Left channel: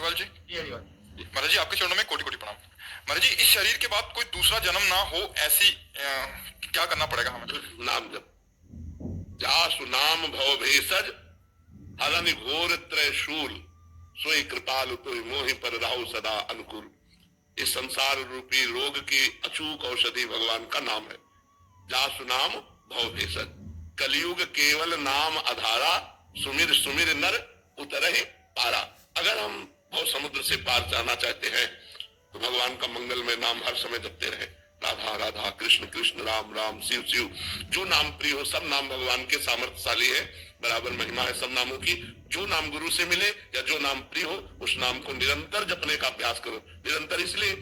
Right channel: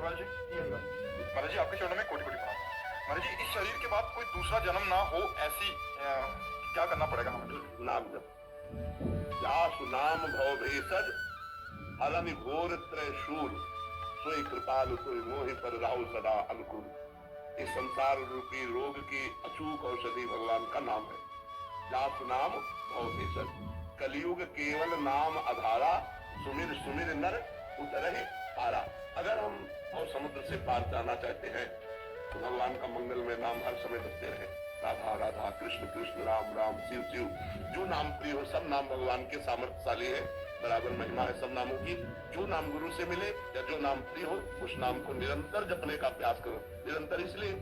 अग्रवाल जी, महाराज जी आपके चरणों में कोटि कोटि प्रणाम। महाराज जी, इस शरीर के बाद कोई दूसरा जन्म ना हो ऐसी क्या करना पड़ेगा हमें? नाम जप। जासु नाम भव भेषज हरनि घोर त्रयशूल सोई कृपालु कोई मोहि पर राहु सदा अनुकूल। इस संसार रूपी रोग की अचूक औषधि भगवान का नाम है। जासु नाम भव भेषज। कलयुग केवल नाम आधारा सुमिर सुमिर नर उतरहि पारा। अगर हम भव समुद्र से पार जाना चाहते हैं तो भगवान का मंगलमय नाम हर समय जपते रहे। राधा राधा कृष्ण कृष्ण राम राम शिव शिव। जो नाम प्रिय हो, सब नाम भगवान के सामर्थ्यशाली है, बराबर महिमा है सब नामों की। जो नाम गुरु से मिले या जो नाम प्रिय हो, उस नाम को निरंतर जपने का प्रयास करो। निरंतर इसलिए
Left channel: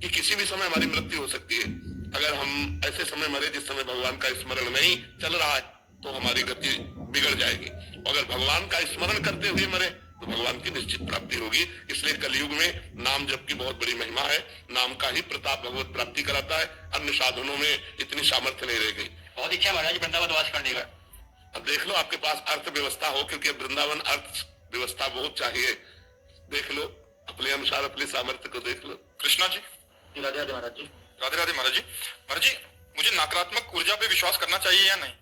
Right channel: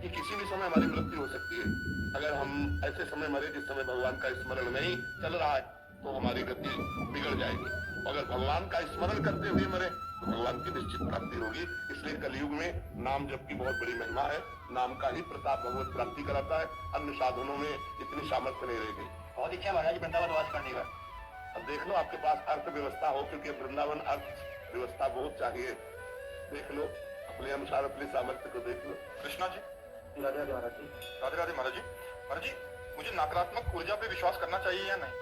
कि किसी भी समय हमारी मृत्यु हो सकती है। अगर हम ऐसे समय मरे जिस समय भगवान का स्मरण नहीं चल रहा है तो हमारी गति बिगड़ जाएगी। अगर भगवान का स्मरण करते हुए मरे तो भगवान की निश्चित प्राप्ति होगी। इसलिए कलयुग में नाम जप की बहुत बड़ी महिमा है। नाम का ही प्रताप भगवत प्राप्ति कराता है। अन्य साधनों में इतनी सामर्थ्य नहीं रह गई। बहुत इच्छा महाराज वृंदावन वास करने का। अब देख लो आपके पास अर्थव्यवस्था हो, क्योंकि वृंदावन अर्थव्यवस्था बहुत चाहिए। देख लो अपने अनुसार अपने सामर्थ्य को देख लो। कृष्णा जी, राधे राधे महाराज जी। राधे राधे महाराज जी। महाराज जी, मुझे नकारात्मक ऊर्जा पे विश्वास करना चाहिए या नहीं?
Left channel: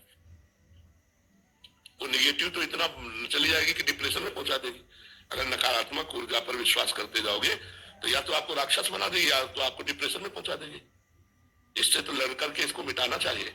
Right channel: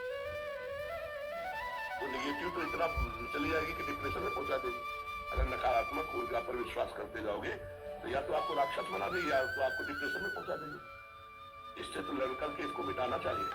तो निगेटिव तो इतना चली जाएगी कि डिप्रेशन में पहुंचा देगी। अगर नकारात्मक ऊर्जा पर विश्वास करते जाओगे तो या तो आपको राक्षस बना देगी या तो आपको डिप्रेशन में पहुंचा देगी। इससे तो लड़ करके इसको मिटाना चाहिए।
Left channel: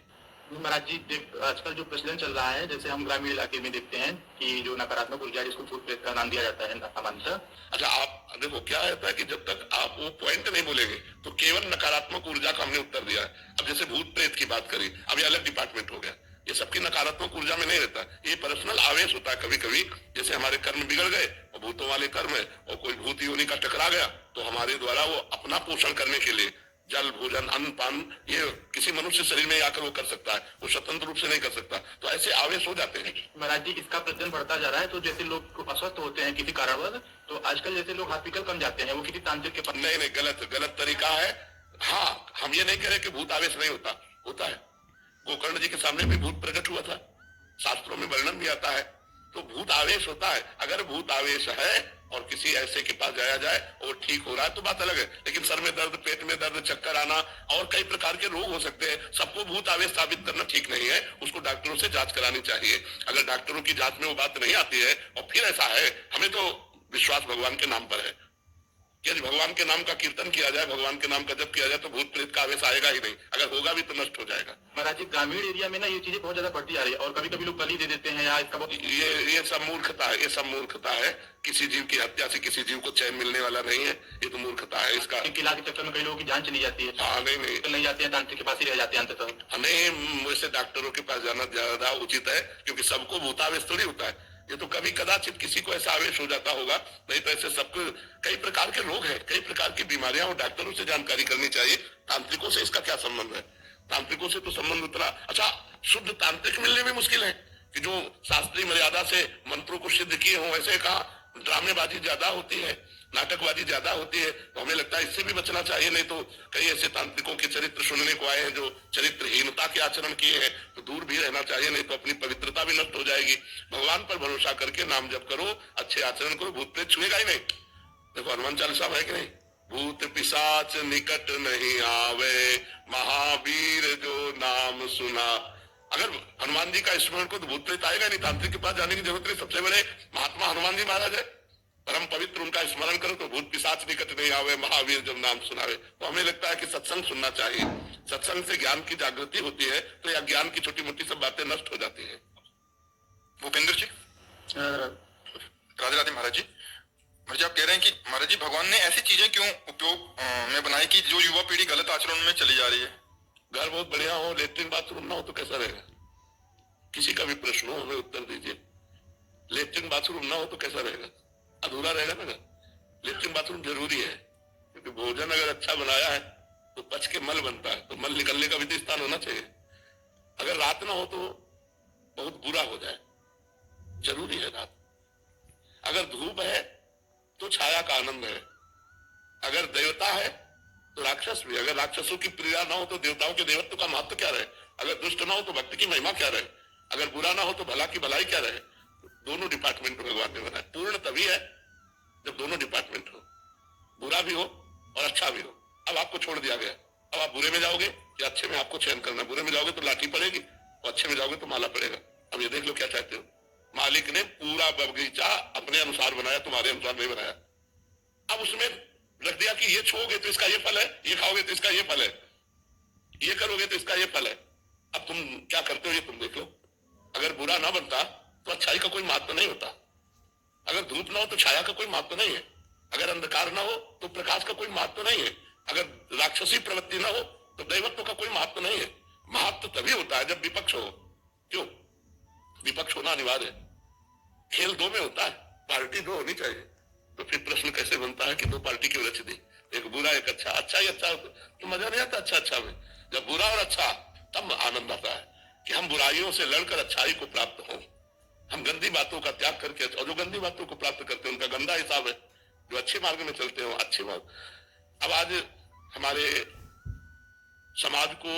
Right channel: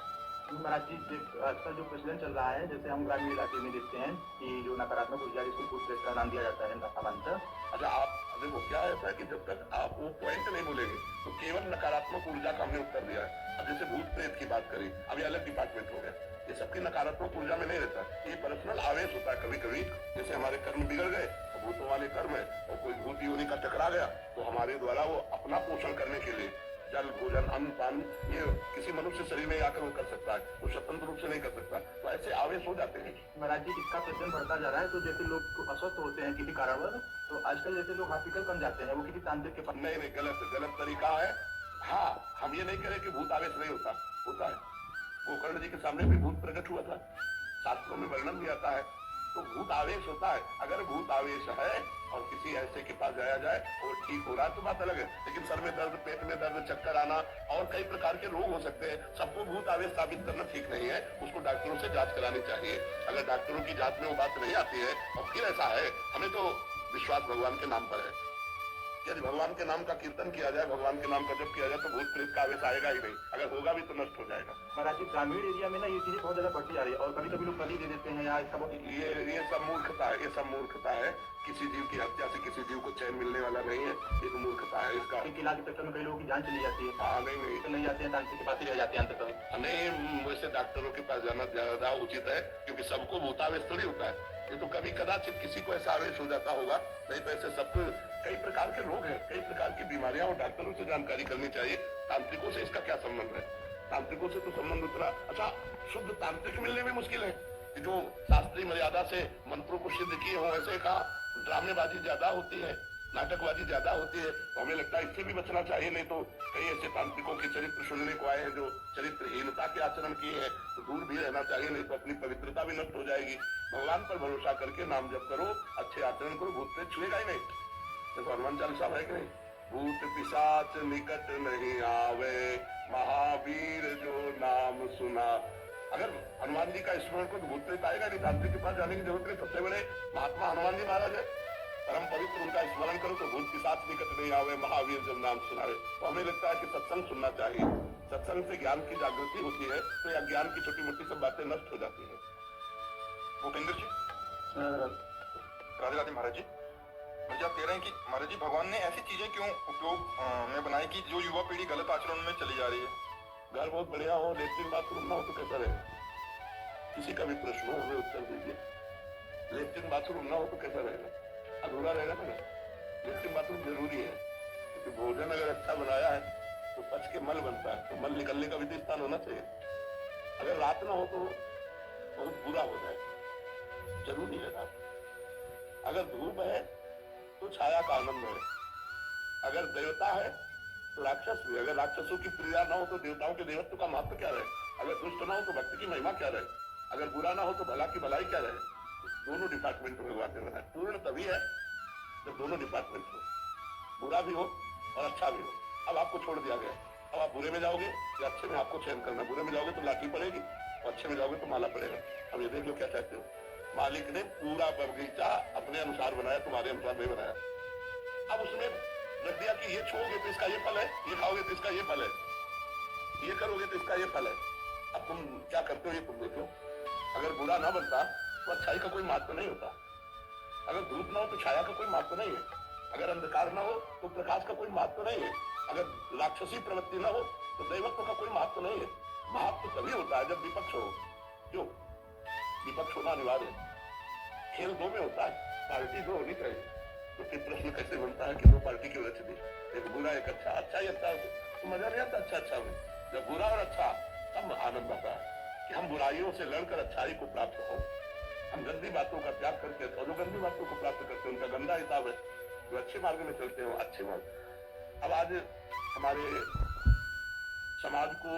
महाराज जी, आजकल जो प्रचलन चल रहा है, जैसे हम ग्रामीण इलाके में देखते हैं कि जो नकारात्मक ऊर्जा जिसको भूत प्रेत का नाम दिया जाता है सामान्यतः। अच्छा, आप देखो क्या होता है कि जब तक आप वो पॉइंट नहीं बोलेंगे तो केवल नकारात्मक ऊर्जा का हमने उत्तर दिया है। अब जैसे भूत प्रेत की बात करी, अब ये अलग डिपार्टमेंट हो गया। ये सबकी नकारात्मक ऊर्जा में नहीं रहता, ये पर्सनल आवेश होता है। कभी कभी जैसे हमारे कर्म बिगड़ गए, भूतों वाले कर्म है और कोई भूत योनि का टकरा गया तो हमारे द्वारा वो अपना पोषण करने के लिए जल भोजन अन्न पान ये किसी मनुष्य शरीर में आकर वो कर सकता है, वो स्वतंत्र रूप से नहीं कर सकता। तो ऐसे आवेश हो जाते हैं। महाराज जी, इसका प्रचलन बढ़ता जा रहा है। तो जैसे लोग अस्वस्थ होते हैं किसी कारणवश, तो आजकल जैसे लोग हॉस्पिटल कम जाते हैं, वो किसी तांत्रिक के पास। नहीं, गलत तरीका है। हाँ, हम ये नहीं कह रहे कि भूत आवेश नहीं होता, होता है। गोकर्ण जी के सामने भी भूत प्रकट हुआ था, शास्त्रों में वर्णन भी आता है। तो भूत आवेश होता है। अगर भूत आवेश है और किसी ऐसे के पास जाया जाए और ठीक हो रहा है तो बात अलग है। लेकिन सर में दर्द, पेट में दर्द, चक्कर आना और कई प्रकार के रोग हो सकते हैं। सबको भूत आवेश साबित करना ठीक नहीं है। उसको डॉक्टरों से जांच करानी चाहिए। अगर डॉक्टरों की जांच में वो बात नहीं आती है और फिर ऐसा है, हमें तो विश्वास भगवान के नाम पर है। यदि भगवान के नाम का कीर्तन किया जाए, भगवान के नाम का जप किया जाए तो भूत प्रेत का आवेश आएगा ही नहीं। अगर होगा भी तो नष्ट हो जाएगा। महाराज जी, ग्रामीण एरिया में ना ये चीजें बहुत ज्यादा बढ़ती जा रही है और कभी कभी लोग बलि दे देते हैं या इसका ये सब मूर्खता है। ये सब मूर्खता है। किसी जीव की हत्या से किसी जीव को चैन मिलने वाला नहीं है। ये तो मूर्खता है। इसका किला के चक्कर में कई लोगों की जान चली जाती है। हाँ, नहीं जाते हैं, तांत्रिक के पास ही रह जाते हैं अंततः। नहीं, वैसे डॉक्टरों के पास जाना ज्यादा उचित है, क्योंकि सबको भूतावेश थोड़ी होता है। ये तो कभी कदाचित किसी को ऐसा आवेश हो जाता होगा, नहीं तो ऐसे सबको कई प्रकार के रोग हैं, कई प्रकार की बीमारियां, और डॉक्टरों से जानकारी करनी चाहिए। तांत्रिकों से इसका क्या संबंध है? तांत्रिकों से तो संबंध उतना अच्छा, शुद्ध तांत्रिक मिलने में मुश्किल है कि जो शास्त्रीय मर्यादा से मंत्रों को सिद्ध किए हों। ऐसे कहा ड्रामेबाजी ज्यादा होती है, नाटकबाजी ज्यादा होती है। तो हमें लगता है इससे भी बचना चाहिए। नहीं तो कई ऐसे तांत्रिकों के चरित्र सुनने को आए हैं जो चरित्रहीनता के आचरण किए हैं, तो दूर भी रहना चाहिए, नहीं तो अपनी पवित्रता भी नष्ट हो जाएगी। भगवान पर भरोसा करके नाम जप करो, अच्छे आचरण करो, भूत प्रेत छुएगा ही नहीं। देखो हनुमान चालीसा है कि नहीं, भूत पिशाच निकट नहीं आवे, महावीर जो नाम सुना। अगर हनुमान जी का स्मरण को तो भूत प्रेत आएगा नहीं, तांत्रिक के पास जाने की जरूरत नहीं। सबसे बड़े महात्मा हनुमान जी महाराज है, परम पवित्र, उनका स्मरण करो तो भूत पिशाच निकट नहीं आवे, महावीर जब नाम सुनावे। तो हमें लगता है कि सत्संग सुनना चाहिए। सत्संग से ज्ञान की जागृति होती है, तो यह ज्ञान की छोटी मोटी सब बातें नष्ट हो जाती है। भूपेंद्र जी, राधे राधे महाराज जी। महाराज जी, आप कह रहे हैं कि महाराज जी भगवान ने ऐसी चीजें क्यों उपयोग में बनाई कि जो युवा पीढ़ी गलत आचरण में चली जा रही है? घर बहुत बढ़िया हो, लेट्रिन बाथरूम ना हो तो कैसा रहेगा? किसी का भी प्रश्न हो हमें उत्तर दीजिए। लेट्रिन बाथरूम ना हो तो कैसा रहेगा? अधूरा रहेगा ना। लेट्रिन बाथरूम जरूरी है, क्योंकि भोजन अगर अच्छा बनाया है तो पच के मल बनता है, तो मल निकलने का भी तो स्थान होना चाहिए। अगर रात ना हो तो बहुत बुरा हो जाए। जरूरी है रात। अगर धूप है तो छाया का आनंद है। अगर देवता है तो राक्षस भी। अगर राक्षसों की प्रिया ना हो तो देवताओं के देवत्व का महत्व क्या रहे? अगर दुष्ट ना हो तो भक्ति की महिमा क्या रहे? अगर बुरा ना हो तो भला की भलाई क्या रहे? दोनों डिपार्टमेंट भगवान ने बनाया। पूर्ण तभी है जब दोनों डिपार्टमेंट हो, बुरा भी हो और अच्छा भी हो। अब आपको छोड़ दिया गया, अब आप बुरे में जाओगे या अच्छे में आपको चयन करना। बुरे में जाओगे तो लाठी पड़ेगी और अच्छे में जाओगे तो माला पड़ेगा। अब ये देख लो क्या चाहते हो। मालिक ने पूरा बगीचा अपने अनुसार बनाया, तुम्हारे अनुसार नहीं बनाया। अब उसमें रख दिया कि ये छोड़ोगे तो इसका ये फल है, ये खाओगे तो इसका ये फल है, ये करोगे तो इसका ये फल है। अब तुम क्या करते हो ये तुम देख लो। अगर बुरा ना बनता तो अच्छाई का कोई महत्व नहीं होता। अगर धूप ना हो तो छाया का कोई महत्व नहीं है। अगर अंधकार ना हो तो प्रकाश का कोई महत्व नहीं है। अगर राक्षसी प्रवृत्ति ना हो तो दैवत्व का कोई महत्व नहीं है। महत्व तभी होता है जब विपक्ष हो। क्यों? विपक्ष होना अनिवार्य है। खेल दो में होता है, पार्टी दो होनी चाहिए। तो फिर प्रश्न कैसे बनता है कि दो पार्टी क्यों रच दी, एक बुरा एक अच्छा। अच्छा ही अच्छा तो मजा नहीं आता। अच्छा अच्छा में जब बुरा और अच्छा, तब आनंद आता है कि हम बुराइयों से लड़कर अच्छाई को प्राप्त हो। हम गंदी बातों का त्याग करके, और जो गंदी बातों को प्राप्त करते हैं उनका गंदा हिसाब है। जो अच्छे मार्ग में चलते हो अच्छे मार्ग। अब आज हमारे समाज को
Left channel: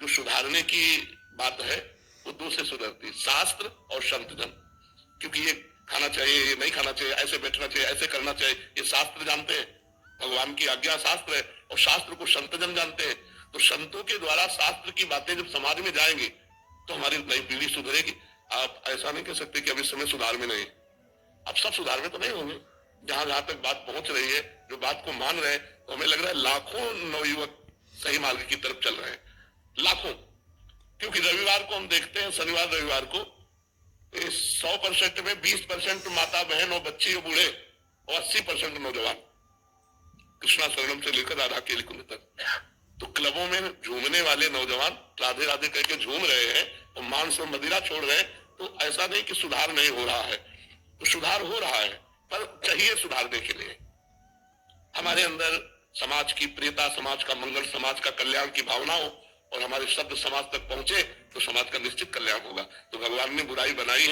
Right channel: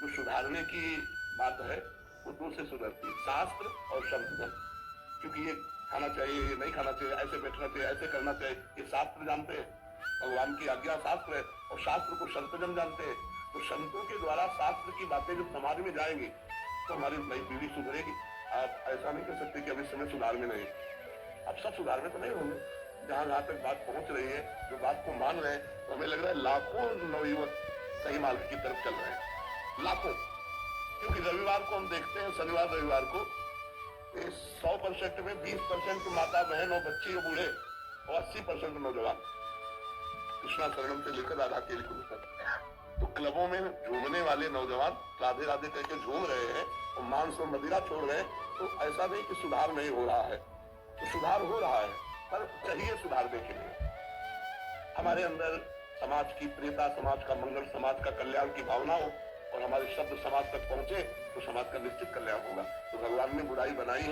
जो सुधारने की बात है वो दो से सुधरती है, शास्त्र और संतजन। क्योंकि ये खाना चाहिए, ये नहीं खाना चाहिए, ऐसे बैठना चाहिए, ऐसे करना चाहिए, ये शास्त्र जानते हैं। भगवान की आज्ञा शास्त्र है और शास्त्र को संतजन जानते हैं। तो संतों के द्वारा शास्त्र की बातें जब समाज में जाएंगी तो हमारी नई पीढ़ी सुधरेगी। आप ऐसा नहीं कह सकते कि अब इस समय सुधार में नहीं। अब सब सुधार में तो नहीं होंगे। जहां जहां तक बात पहुंच रही है, जो बात को मान रहे हैं, तो हमें लग रहा है लाखों नवयुवक सही मार्ग की तरफ चल रहे हैं, लाखों। क्योंकि रविवार को हम देखते हैं, शनिवार रविवार को 100% में 20% माता बहन और बच्चे और बूढ़े और 80% नौजवान, कृष्णा शरणम से लेकर राधा केली कुंड तक। तो क्लबों में झूमने वाले नौजवान राधे राधे करके झूम रहे हैं और मांस और मदिरा छोड़ रहे हैं। तो ऐसा नहीं कि सुधार नहीं हो रहा है, तो सुधार हो रहा है, पर चाहिए सुधारने के लिए हमारे अंदर समाज की प्रियता, समाज का मंगल, समाज का कल्याण की भावना हो और हमारे शब्द समाज तक पहुंचे तो समाज का निश्चित कल्याण होगा। तो भगवान ने बुराई बनाई है।